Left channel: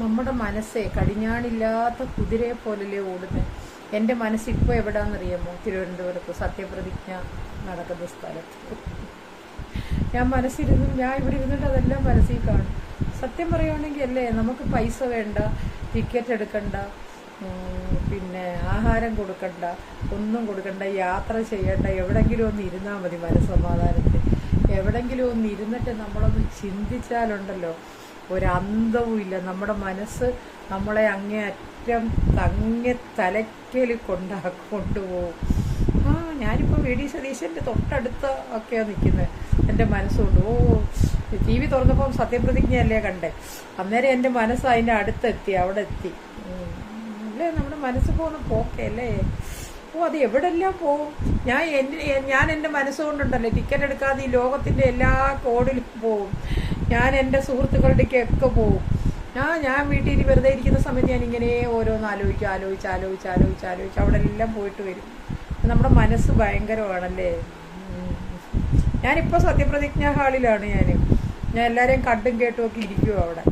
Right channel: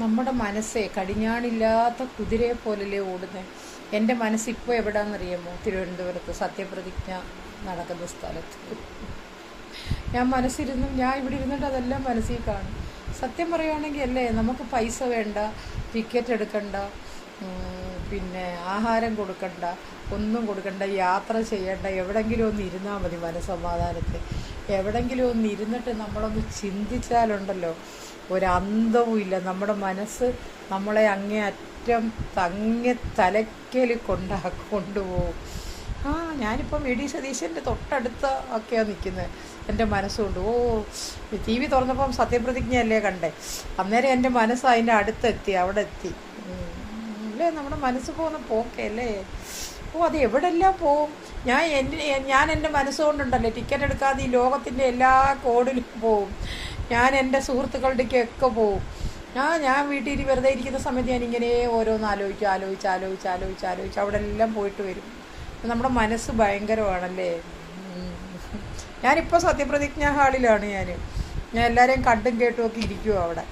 നമ്മുടെ മനസ്സേ കടിഞ്ഞാണില്ലാത്ത കുതിരയെ പോലല്ലേ ഓടുന്നത്. എൻ്റെ മനസ്സിപ്പോൾ എവിടാന്നറിയാമോ? തിരുവനന്തപുരത്ത് സത്യപ്രതിജ്ഞ നടക്കുന്ന സ്ഥലത്ത്. ഞാൻ ഇവിടെ ഇരുന്നിട്ട് അതെല്ലാം മനസ്സിൽ കാണും. സത്യം പറയുകയാണെങ്കിൽ അല്ലേ, നമുക്ക് പൈസ വേണ്ട, ടിക്കറ്റ് എടുക്കണ്ട, പിന്നെ ആഹാരം കൊടുക്കണ്ട, ഒന്നും കൊടുക്കണ്ട, യാത്ര ചെയ്യണ്ട, എവിടെങ്കിലും ഒന്ന് ഇരുന്നാൽ മതി മനസ്സമാധാനത്തിൽ. എവിടെങ്കിലും ഒന്ന് ഇരുന്നിട്ട് നമ്മളൊന്ന് ചിന്തിച്ചാലുണ്ടല്ലോ ഒരന്തവും ഇല്ല. നമ്മുടെ മനസ്സ് നമ്മളെ അങ്ങേയറ്റം തലയ്ക്കൽ കൊണ്ടുപോകും. ഞാനിപ്പം വി ഡി സതീശൻ്റെ തൊട്ടടുത്ത് ഒക്കെയാണ് നിൽക്കുന്നത്. എൻ്റെ മനസ്സുകൊണ്ട് ടി വി തുറന്നപ്പം സത്യപ്രതിജ്ഞയല്ലേ കണ്ടേ, അന്നേരം എൻ്റെ മനസ്സ് അതിൻ്റെ അടുത്തെത്തി, അവിടെ എത്തി അല്ലേ. നമ്മുടെ മനസ്സ് പോകുന്ന പോക്കല്ലേ. അത് എവിടെല്ലാം പോവും. ഞാൻ എൻ്റെ മനസ്സുകൊണ്ടുണ്ടല്ലേ ടിക്കറ്റ് എടുക്കാതെ ഈ ലോകത്തിൻ്റെ എല്ലാ കോണിലും പോവും. ഞാൻ എൻ്റെ സുഹൃത്തുക്കളുടെയൊക്കെ പോവും. ഞാൻ വീട്ടിൽ വെറുതെ ഇരിക്കുന്ന സമയത്ത് ഞാനിങ്ങനെ ഓരോന്ന് ആലോചിച്ച് അവിടെ എല്ലാം പോയിട്ട് വരും. നമ്മുടെ മനസ്സ് ഭയങ്കരമാണല്ലേ. ഞാനിപ്പോൾ സത്യപ്രതിജ്ഞാ ഹാളിലാണ്. ഞാൻ എല്ലാവരെയും കണ്ടും കേട്ടും ഒക്കെ ഇരിക്കുമോ അവിടെ.